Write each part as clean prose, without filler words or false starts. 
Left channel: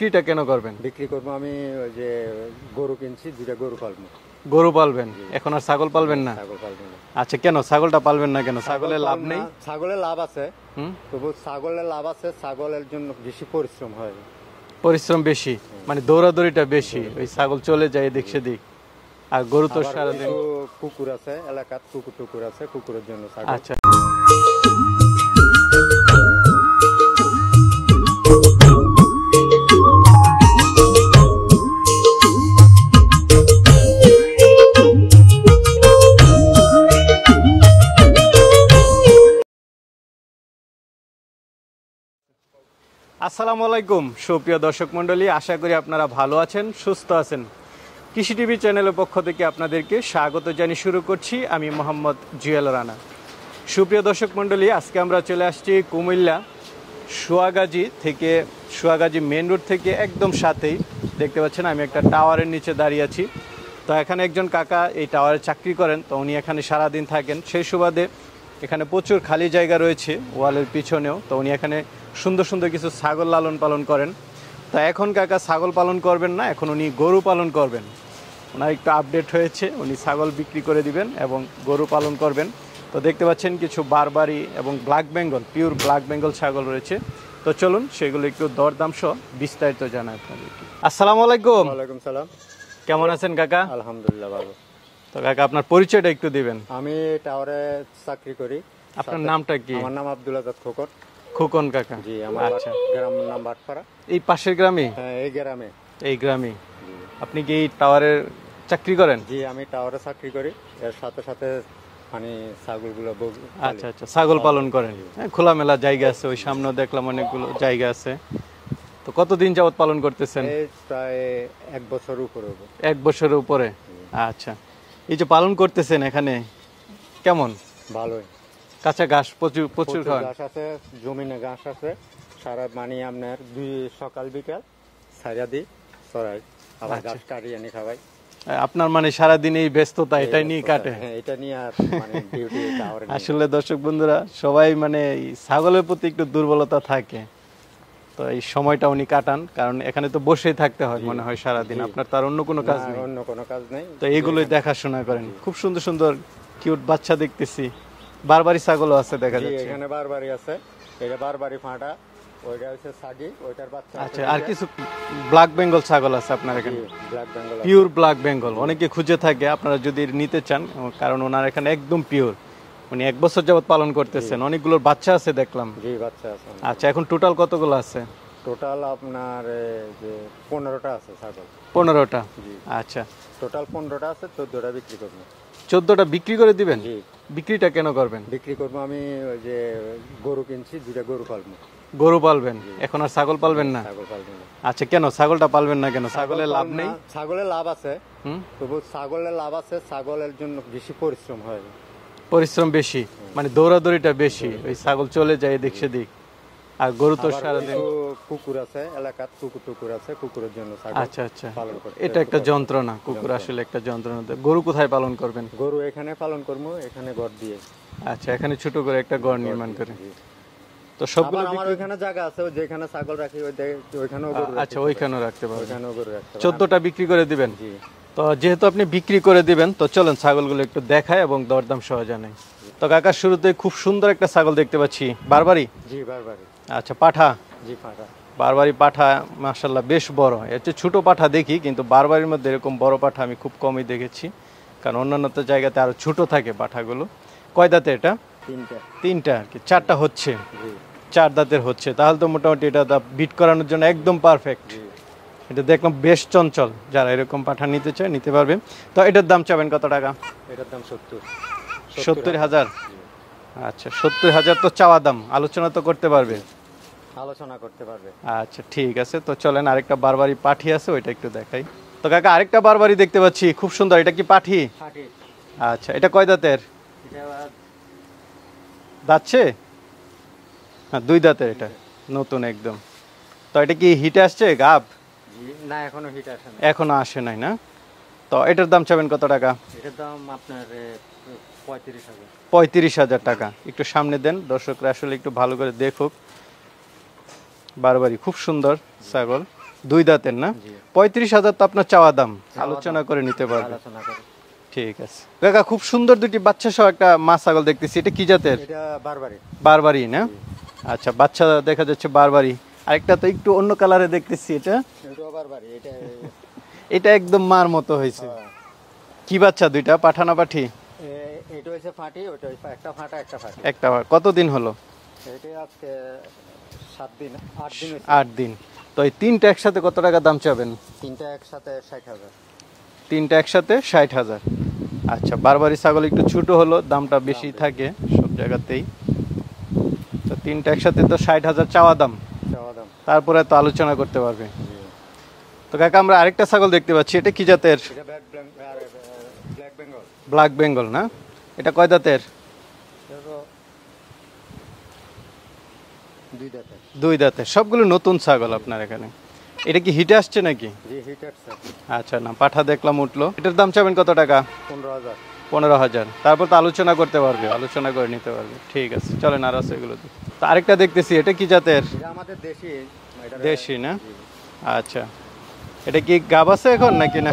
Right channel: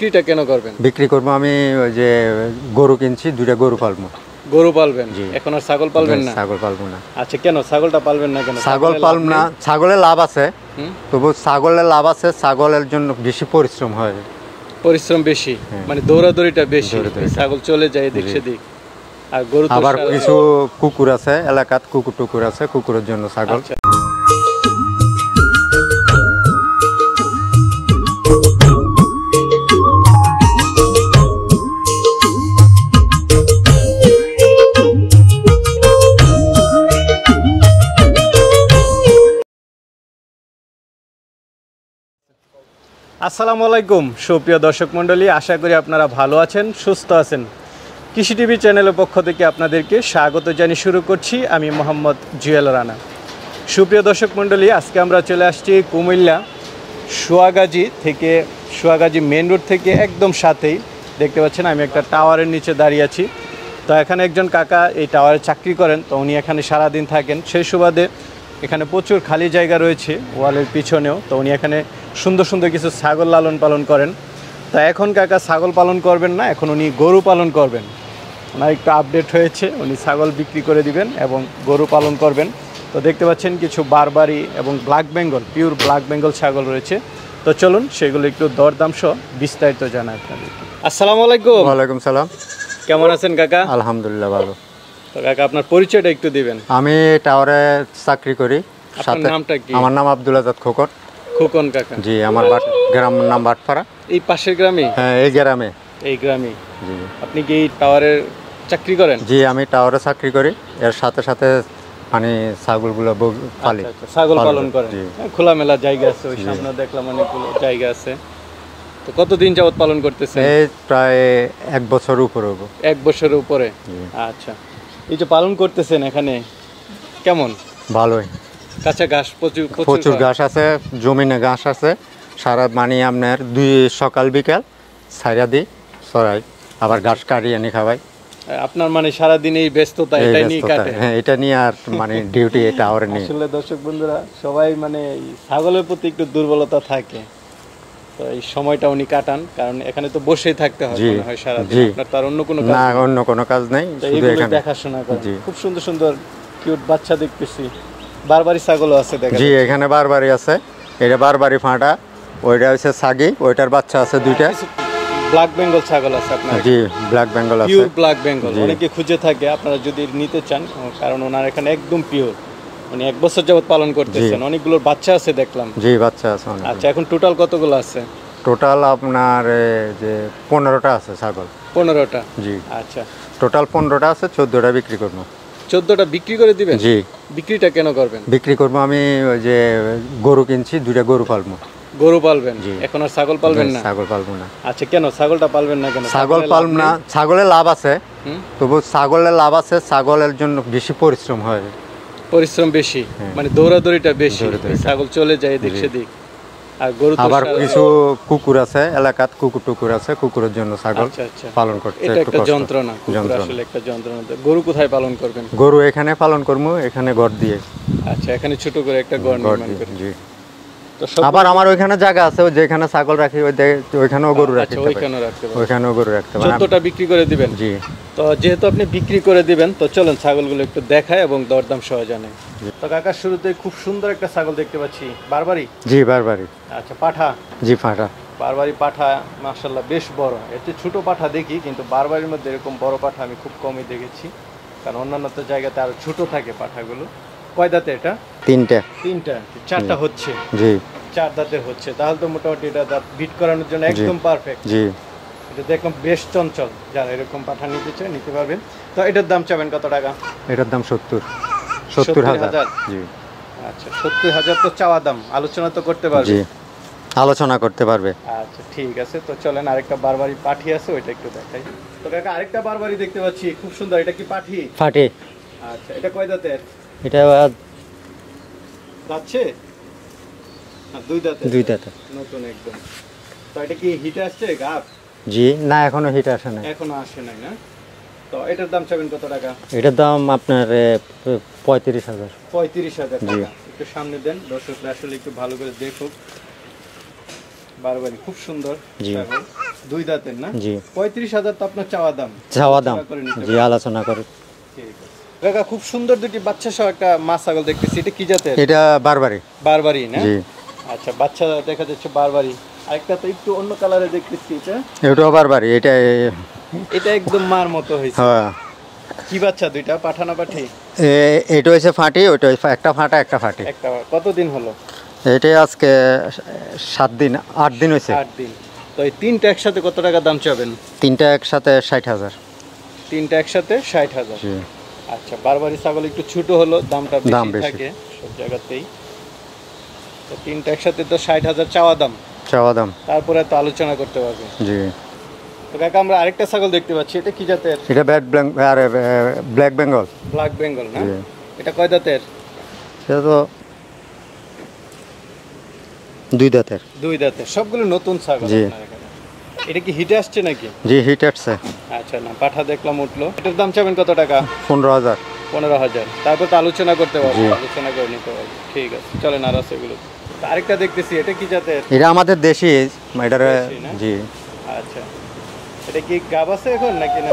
বিক্রিটা কেন করবেন? বিক্রি করব আমি ওই যে গরু কিনছি, দুইটা গরু পালবো। গরু পালবেন? এখন আর ছাগল পালবেন না? ছাগল পালবো না। আচ্ছা, কেন ছাগলটা পালবেন না কেন? ছাগল পালব না, ছাগলের লাভ আছে, তবু ছাগলের লাভ আছে, ছাগলের জন্য বেশি পরিশ্রম হয়। পরিশ্রম বেশি মানে দৌড়াদৌড়িটা বেশি, ছাগল চলে যায় এদিক সেদিক। আর গরু তো আবার কিছু কুকুর আছে এলাকাত, কুকুর টুকুর আছে, কুকুরের জন্য ছাগল। আসসালামু আলাইকুম সুপ্রিয় দর্শক মণ্ডলী, আশা করি আপনারা ভালো আছেন, সুস্থ আছেন। কৃষি টিভি চ্যানেলের পক্ষ থেকে আপনাদেরকে স্বাগত জানিয়ে শুরু করছি আমি মোহাম্মদ জুয়েল রানা। সুপ্রিয় দর্শক মণ্ডলী, আজকে আমরা চলে আসছি কুমিল্লা সোয়াগাজী থেকে, সোয়াগাজী মেন রোড থেকে একদম সাথেই দেখতে পাচ্ছেন আমি একটা টাওয়ারের নিচে দাঁড়িয়ে আছি। তো এখানে একজন কাকা এই টাওয়ারে চাকরি করেন, তো উনি এখানে সারাদিন থাকেন। সেই সুবাদে এখানে প্রচুর খালি জায়গা রয়েছে ওয়ালের পিছনেও, তো উনি এখানে সুন্দর সুন্দর কিছু ছাগল লালন পালন করেন। তা এখন কাকা ছাগল পালন করবেন না, এখন উনি গরু পালন করবেন। ওনার একটু আপডেট হয়েছে, উনি ছাগল বিক্রি করে দিবেন এবং গরু পালন করবেন। তো দেখতে পাচ্ছেন কিছু বারবারি এবং black Bengal, pure black Bengal ছাগল রয়েছে। তো চলুন সেগুলো একটু দরদাম সহ বিস্তারিত জানাই আপনাদের। আসসালামু আলাইকুম। ওয়ালাইকুম সালাম। কেমন আছেন কাকা? আলহামদুলিল্লাহ ভালো। তো কাকা আপনার পরিচয়টা একটু দিবেন। আমি টাওয়ারে চাকরি করি। আপনার নামটা কি? আমার নাম আব্দুল আজাদ খোকন। খোকন কাকা? জি, আমার গ্রাম নাম বাটপাড়া। এই পাশের গ্রামে? হ্যাঁ, এই গ্রামে। এই গ্রামে? জি। আপনি কি টাওয়ারে চাকরি করেন? জি, আমি টাওয়ারে চাকরি করি, এর সাথে সাথে মানে ছাগলগুলো পালি। আচ্ছা, ছাগল পালন করেন। খোলামেলা জায়গা আছে, ওই সামনে দেখলাম অনেকগুলো জায়গা আছে। তো কতদিন যাবত পালন করতেছেন? এই প্রায় 1 বছর উপরে হবে। 1 বছরের উপরে? আচ্ছা, এই যে পালন করতেছেন এখানে কেমন? ভালোই। কাঁচা ঘাস প্রচুর ঘাস আছে, জমিনে ঘাস আছে। সারা মানে আপনার 2 সকাল বিকাল ছাইরা দিই, চড়াই, আবার ঘাস কাটিয়ে এনে খাওয়াই। আপনার মানে সারাদিন এই ব্যস্ততা এটা নিয়ে কাটে? হ্যাঁ, এটা নিয়ে আর মানে ডিউটি এটা আর নেই। আসলে দর্শক বন্ধুরা সবাই মানে ছাগলের প্রতি একটু দুর্বলতা থাকে, তো এই সময়টা উনি কাটান, কারণ এখানে তো বসেই থাকতে হয় মনে হয় সারাদিন। আপনার তার অন্য কোনো কাজ? না, অন্য কোনো কাজ নেই, শুধু এখানে দেখাশোনা করেন। খুব সুন্দর সুন্দর কিউট বাচ্চা দেখতেছি। বারবারি ছাগলও আছে দেখা যাচ্ছে। জি, এখানে বারবারি আছে। এটা বারবারি ফাঁটা, ওইটা হচ্ছে সাগি, ওইটার বাচ্চা আছে 2টা। ব্ল্যাক বেঙ্গল ছাগল আছে আপনার? জি, ব্ল্যাক বেঙ্গল আছে, পিওর ব্ল্যাক বেঙ্গল। অনেকে খুঁজে থাকে, আপনারা যদি নিতে চান, কারণ ওনার এখানে একদম পিওর, মানে 1 বছর যাবত পালন করতেছেন। অনেকগুলোর বাচ্চা আছে দেখলাম। জি, বাচ্চা আছে অনেক। আচ্ছা, এখন টোটাল কতগুলো আছে? টোটাল আপনার যে 15টা আছে ছাগল। 15টা? জি। আচ্ছা, টোটাল 15টা আছে, 14টা বিক্রি করবো। 14টা বিক্রি করে দিবেন? জি। বিক্রিটা কেন করবেন? বিক্রি করবো আমি ওই যে গরু কিনছি, 2টা গরু পালবো। গরু পালবেন? এখন আর ছাগল পালবেন না? ছাগল পালবো না। আচ্ছা, কেন ছাগলটা পালবেন না কেন? ছাগল পালব না, ছাগলের লাভ আছে, তবু ছাগলের লাভ আছে, ছাগলের জন্য বেশি পরিশ্রম হয়। পরিশ্রম বেশি মানে দৌড়াদৌড়িটা বেশি, ছাগল চলে যায় এদিক সেদিক। আর গরু তো আবার কিছু কুকুর আছে এলাকাত, কুকুর টুকুর আছে, কুকুরের জন্য ছাগল পালন করতে এটা একটা যন্ত্রণা। কুকুর আসলে একটা যন্ত্রণা। গরু কোথায় পালন করবেন? গরু এখানে পালন করবো, এখানে ঘর দিয়ে। আচ্ছা, এখানে ছোট করে একটা ঘর নির্মাণ করে। জি। আবার আমার ওইখানে জায়গা আছে, যেখানে ছাগল রাখি ওইখানেও গরু রাখি, ওইখানেও গরু রাখতে পারি। 14টা বিক্রি করে দিবেন? জি। তো যেহেতু আপনি বিক্রি করে দিবেন, তো চলেন ছাগলগুলো একটু দেখাই এবং দরদাম সহ জানাই। তো কাকার শুরুতে খুব সুন্দর একটা ছাগল দেখতে পাচ্ছি। বারবারি? জি, বারবারি। আচ্ছা, পাঠা? জি, পাঠা। বারবারি পাঠা মাশাআল্লাহ বেশ বড়। এর চেয়ে ছোট পাঠা দেখি, কিন্তু বারবারির মধ্যে এরকম বড় পাঠা আমি খুব কমই দেখেছি, কারণ অন্যান্য জায়গাতে আরো ছোট থাকে পাঠাগুলো। কয় দাঁতে এটা? 3টা। 3টা? 4টা হচ্ছে? জি। 4 দাঁতের হচ্ছে, তাহলে তো মোটামুটি এটা বিট করানোর জন্য একদম পারফেক্ট। জি। এটা দেখলাম বেশ চঞ্চল, যারা এরকম পাঠা নিতে চায় নিতে পারবে। তো এটার দাম চাবেন কত টাকা? এটার দাম 70,000। জি। আচ্ছা, 70,000 তো চাওয়া দাম, আলোচনা তো করতে পারবে? জি, আলোচনা করতে পারবে। আচ্ছা, ঠিক আছে। তো চলেন আরেকটা বারবারি পাঠি আছে, ওইটা একটু দেখাই। তো কাকা আরেকটা বারবারি দেখতে পাচ্ছি, খুব সুন্দর। এটা কি পাঠি? পাঠি। আচ্ছা, এটা কয় দাঁতের? এটা যাচ্ছে না, 2 দাঁতের? 2 দাঁতের, নতুন একদম। তো এটা কি হিটে আসছে গাব? জি, না এখনো হিট আসে না। এখনো আসে নাই না? তো এটার দাম চাবেন কত টাকা? এটার দাম আপনার 35,000। 35,000 টাকা। একটু সামনে দেন, দর্শকরা আসলে একটু ভালো করে দেখুক। বারবারি, খুব সুন্দর জি। ছাগল, দুই দাঁতের না? জি। 35,000 তো আপনার চাওয়া দাম, চাওয়া দাম আলোচনা করে নিতে জি, পারবেন। আলোচনা করে। ঠিক আছে কাকা, খুব সুন্দর দুটি বাচ্চা সহ একটা মা ছাগল দেখতেছি, এটা কি জাতের? এটা বারবারি। বারবারি না? জি। আচ্ছা, বাচ্চা দেখা যাচ্ছে বারবারি। আরেকটা তো একটু অন্য কালারে দেখতেছি, এটাও বারবারি। এটা একদম মার মতো হয়েছে। হ্যাঁ। কি বাচ্চা দুইটা, পাঠা না পাঠি? এটা হয়েছে ফাটি, ওইটা একটা ফাটা একটা ফাটি। একটা কতদিন হলো? এটা আজকে 7 দিন 8 দিন হয়েছে। 8 দিন। তো এই তিনটা একসাথে কত টাকা দাম চাবেন? তিনটা একসাথে 60,000। তিনটা একসাথে 60,000। জি। আচ্ছা, বারবারি ছাগল একটু ছোট হলো, দামটা দাম বেশি বেশি। থাকে সব জায়গাতেই। তো তিনটা একসাথে তো 60,000 চাওয়া দাম, চাওয়া দাম। তারপরে তো আলোচনা করতে পারবে। জি। তো কাকা, আমরা আরেকটা ছাগল দেখতে পাচ্ছি, এটা কি জাতের? এটা ব্ল্যাক বেঙ্গল। ব্ল্যাক বেঙ্গল না? জি। এটা কয় দাঁতের? সেটা তো 2 দাঁতের। 2 দাঁতের। সবগুলো নতুন ছাগল জি। আপনার এখানে। এটা কি হিটে আসছে নাকি? জি, হিট আসছে। আচ্ছা, না পাঠা দেখলাম উঠলো। এটার দাম চাবেন কত টাকা? 15,000। 15,000। তারপর তো আলোচনা করতে পারবো, জি। আলোচনা করে নিতে পারবো। ঠিক আছে, চলেন আর আছে এগুলো। তো আরেকটা দেখতেছি, এটা কি জাতের? এটা আমাদের দেশি। এটার দেশি না? জি। আচ্ছা, এটা কি গাব আছে এখন নাকি না?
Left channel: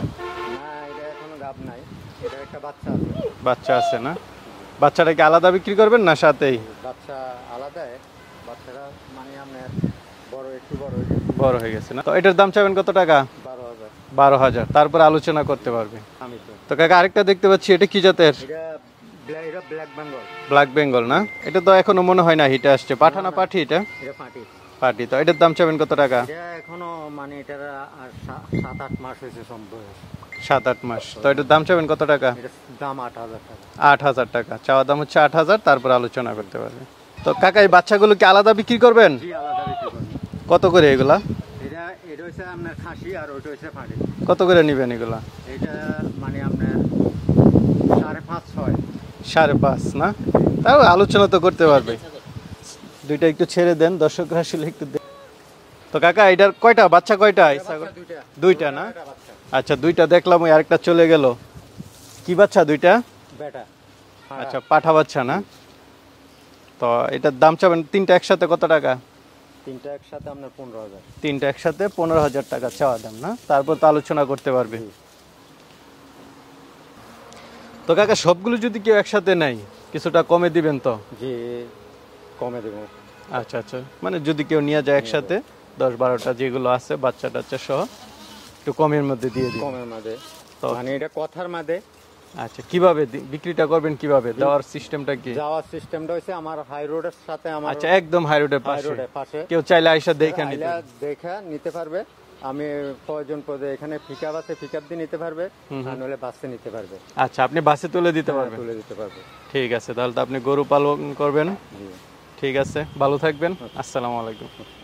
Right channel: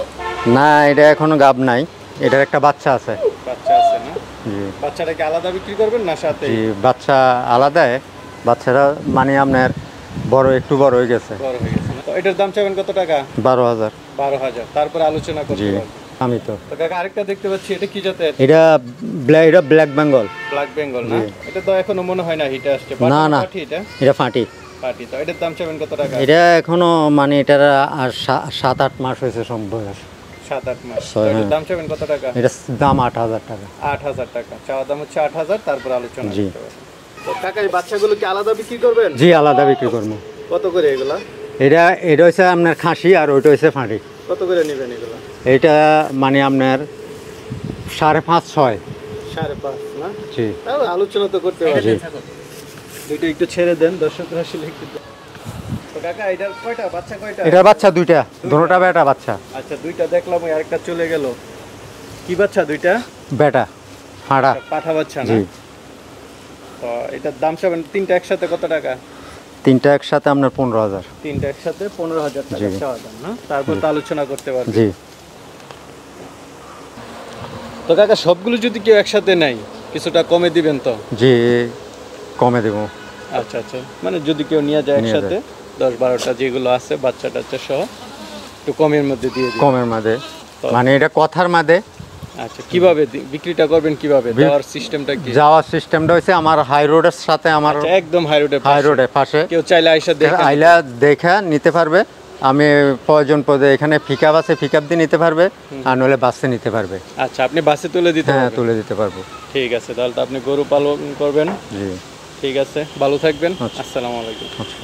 না, এটা এখনো গাব নাই। এটার একটা বাচ্চা আছে। বাচ্চা আছে না? জি। বাচ্চাটা কি আলাদা বিক্রি করবেন না সাথে? জি, বাচ্চা আলাদা। বাচ্চারা মানে আপনার একটু বড় হয়ে গেছে। বড় হয়ে গেছে না? তো এটার দাম চাবেন কত টাকা? 12,000। 12,000। তারপর আলোচনা জি। করতে পারবে। আমি তো তো কাকা, আরেকটা দেখতে পাচ্ছি, এটা কি জাতের? এটা ব্ল্যাক বেঙ্গল। ব্ল্যাক বেঙ্গল না? জি। এটা তো এখনো মনে হয় না হিটে আসছে। না, না। পাঠি এটা? এটা ফাটি। পাঠি। তো এটার দাম চাবেন কত টাকা? এটা এখনো মানে এটার আর 7-8 মাস হয়েছে সম্ভব। 7-8 মাস। তো হ্যাঁ। এটার দাম চাবেন কত টাকা? এটা দাম 8,000 টাকা। 8,000 টাকা। চাওয়া দাম হচ্ছে 8,000, তারপর আলোচনা জি। করতে পারবেন। তো কাকা, এই বাচ্চাগুলো কি আলাদা বিক্রি করবেন? জি, আলাদা বিক্রি করবো। কত করে এগুলা? এটা হচ্ছে আপনার খাসি, আর ওইটা হচ্ছে ফাঁটি। কত করে নেবেন এগুলা? এটা মানে আপনার 5.5-6। 5.5 না? জি। তাও আলোচনা তো করতে পারবে। জি। দুইটা একটু ছেড়ে দেন, দর্শকরা আসলে একটু তো কাকা, এটার কয়টা বাচ্চা? কয়টা? এটার বাচ্চা দুইটা। দুইটা দুটোটা না? বেটা বাচ্চা। আচ্ছা, দুইটা দেখলাম, ওই আরেকটা চলে গেল। কি বাচ্চা দুইটা? বেটা ফাড়া। আচ্ছা, পাঠা বাচ্চা না? জি। তো এটার দাম চাবেন তিনটা একসাথে কত টাকা? তিনটা একসাথে আপনার 15,000। তিনটা একসাথে 15,000 টাকা জি। চাওয়া দাম না? তারপর তো আলোচনা করতে পারবে। জি। তো কাকা, সবগুলো যদি কেউ একসাথে নেয়, কিছুটা কমে দিবেন তো? জি, কমে দেবো। আচ্ছা আচ্ছা, মানে যদি কেউ নিয়ে যায় নিয়ে একসাথে 10-12টা যেগুলো আছে বাচ্চা টাচ্চা সহ, একটু কমের মধ্যে দিয়ে দিবেন। কমের মাঝে তো- মানে এটা কথার মাঝে। আচ্ছা, কিভাবে বিক্রিটা করবেন, কিভাবে দেওয়ার সিস্টেমটা কি? যাওয়ার সিস্টেমটা হচ্ছে আমার হাই রোডের সাথে, আমার আচ্ছা, একদম হাই রোডের পাশে। কেউ চাইলে আইসা দেখে আইলা দেখা নিতে পারবে। আমি প্রয়োজন পদে এখানে পিকআপ আছে, পিকআপ দিয়ে নিতে পারবে, আর নইলে বাসে নিতে পারবে। আচ্ছা, আপনি বাসে তুলে দিতে হ্যাঁ, পারবেন? তুলে দিতে পারবো। ঠিক আছে, তাহলে তো আপনি গরু পালন করবেন। জি। ঠিক আছে, ভালো থাকবেন। আচ্ছা। আসসালামু আলাইকুম। আচ্ছা।